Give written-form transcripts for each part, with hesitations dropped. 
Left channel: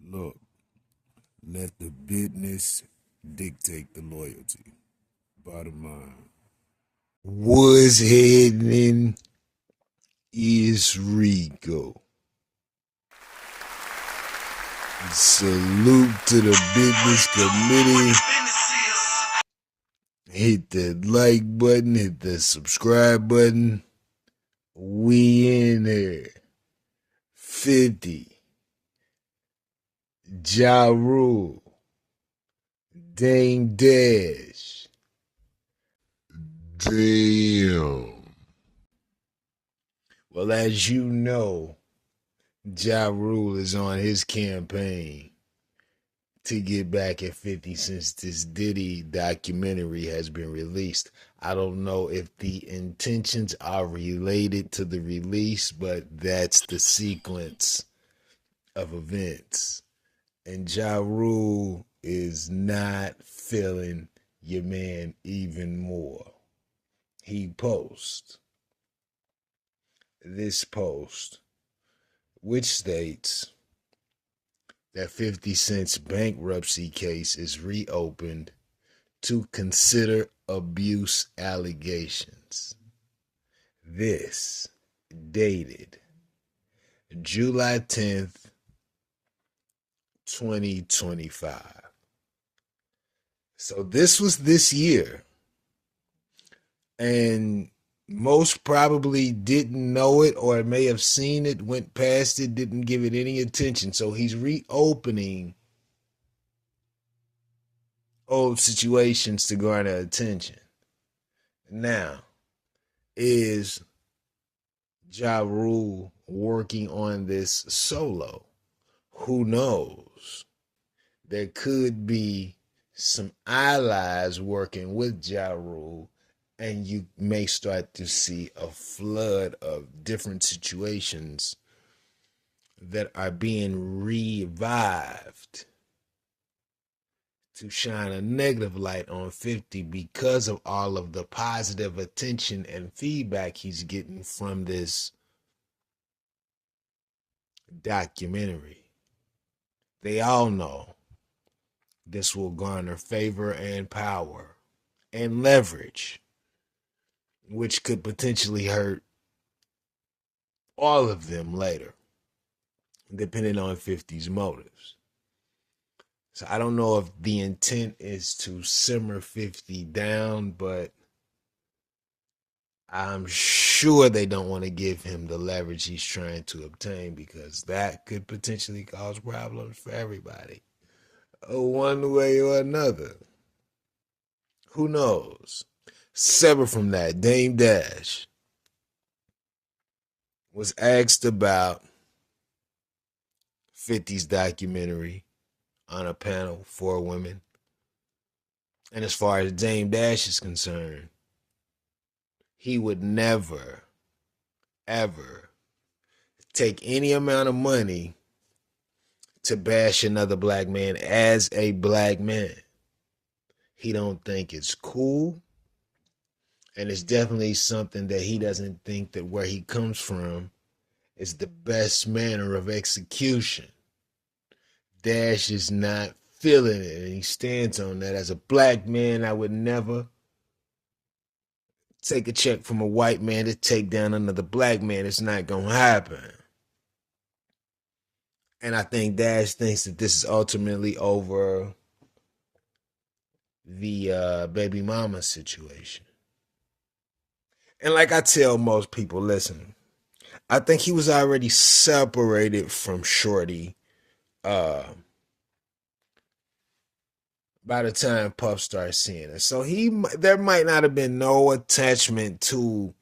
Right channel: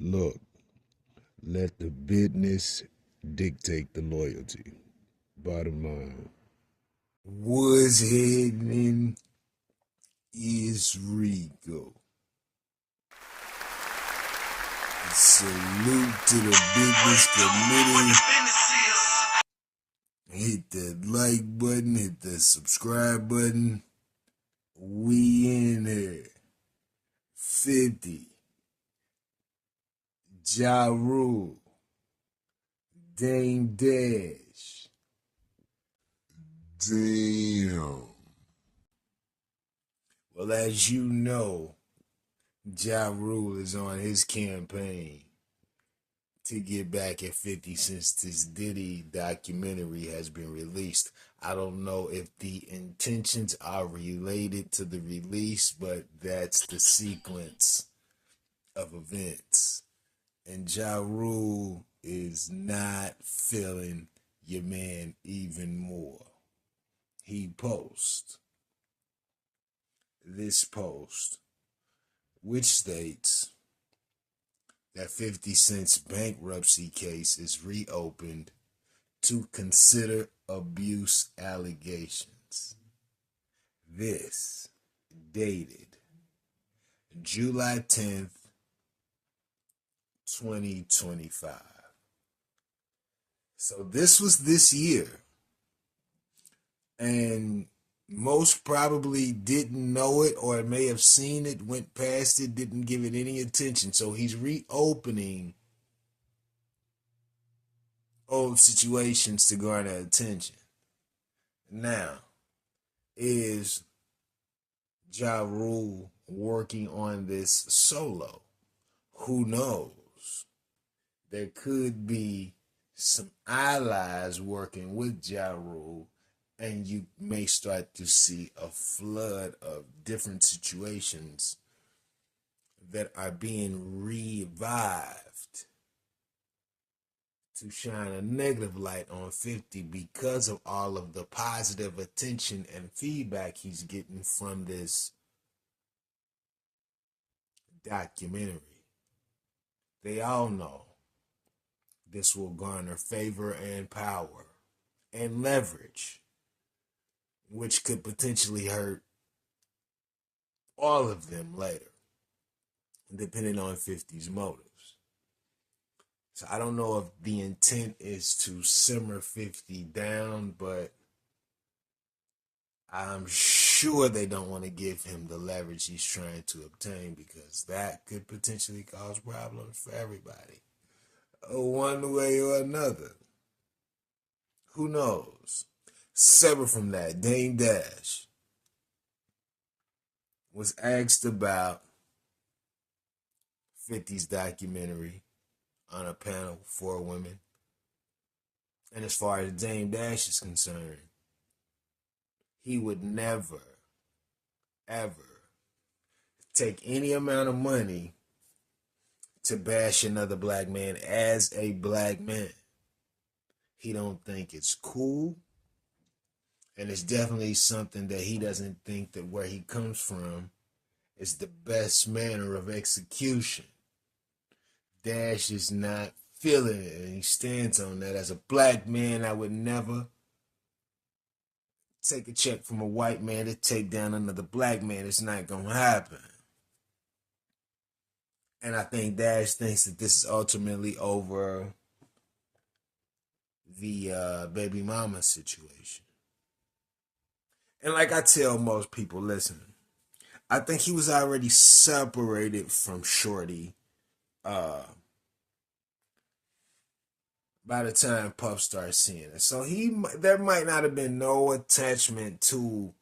Look, let the business dictate the loyalty. Bottom line. What's happening is Rico. Salute to the business committee. Hit the like button, hit the subscribe button. We in there. 50. Ja Rule. Damedash. Damn. Well, as you know, Ja Rule is on his campaign to get back at 50 since this Diddy documentary has been released. I don't know if the intentions are related to the release, but that's the sequence of events. And Ja Rule is not feeling your man even more. He posts this post, which states that 50 Cent's bankruptcy case is reopened to consider abuse allegations. This dated July 10th, 2025. So this was this year. And most probably didn't know it or may have seen it, went past it, didn't give it any attention. So he's reopening old situations to garner attention. Now, is Ja Rule working on this solo? Who knows? There could be some allies working with Ja Rule, and you may start to see a flood of different situations that are being revived to shine a negative light on 50 because of all of the positive attention and feedback he's getting from this documentary. They all know this will garner favor and power and leverage, which could potentially hurt all of them later, depending on 50's motives. So I don't know if the intent is to simmer 50 down, but I'm sure they don't want to give him the leverage he's trying to obtain, because that could potentially cause problems for everybody, one way or another. Who knows? Separate from that, damedash was asked about 50's documentary on a panel for women. And as far as damedash is concerned, he would never, ever take any amount of money to bash another black man as a black man. He don't think it's cool. And it's definitely something that he doesn't think that where he comes from is the best manner of execution. Dash is not feeling it, and he stands on that. As a black man, I would never take a check from a white man to take down another black man. It's not going to happen. And I think Dash thinks that this is ultimately over the baby mama situation. And like I tell most people, listen, I think he was already separated from Shorty uh, by the time Puff started seeing it. So there might not have been no attachment to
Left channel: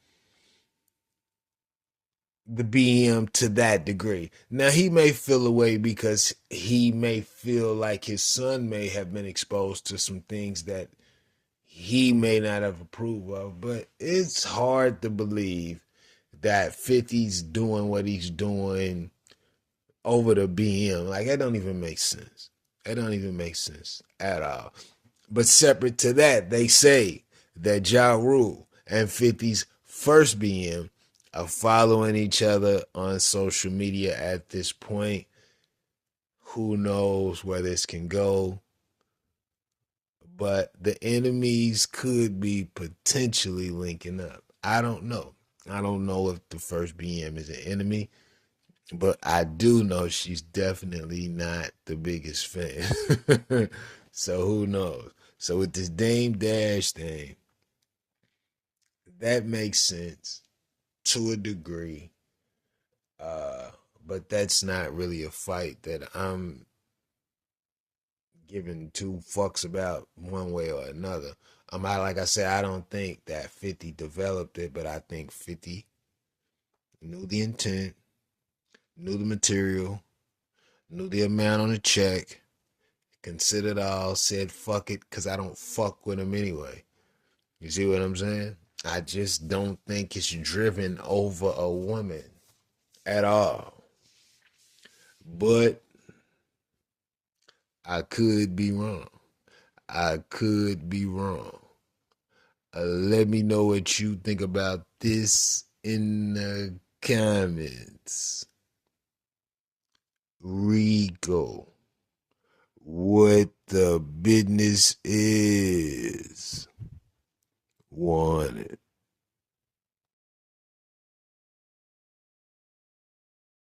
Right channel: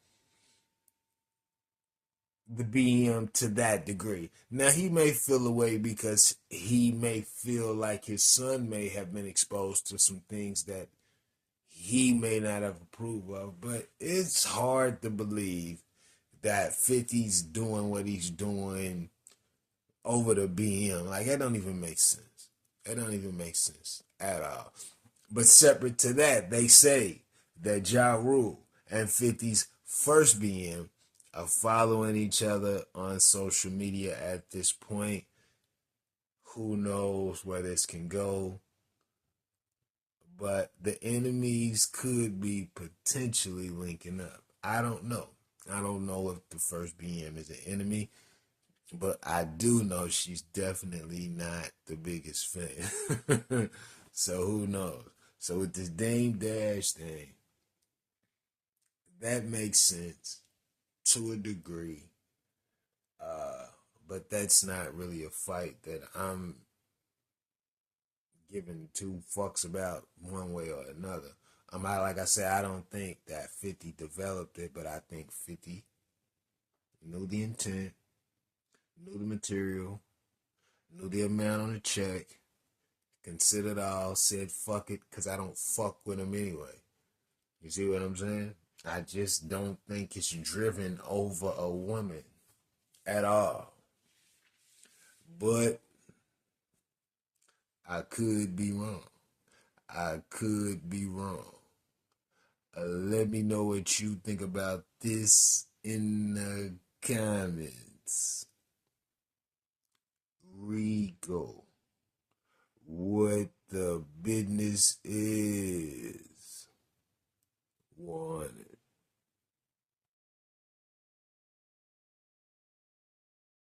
the BM to that degree. Now he may feel away because he may feel like his son may have been exposed to some things that he may not have approved of, but it's hard to believe that 50's doing what he's doing over the BM. Like, that don't even make sense. That don't even make sense at all. But separate to that, they say that Ja Rule and 50's first BM are following each other on social media at this point. Who knows where this can go? But the enemies could be potentially linking up. I don't know. I don't know if the first BM is an enemy, but I do know she's definitely not the biggest fan. So who knows? So with this Dame Dash thing, that makes sense to a degree. Uh, but that's not really a fight that I'm giving two fucks about one way or another. Like I said, I don't think that 50 developed it, but I think 50 knew the intent, knew the material, knew the amount on the check, considered all, said fuck it, because I don't fuck with him anyway. You see what I'm saying? I just don't think it's driven over a woman at all. But I could be wrong. I could be wrong. Let me know what you think about this in the comments. Rico, what the business is. Warning.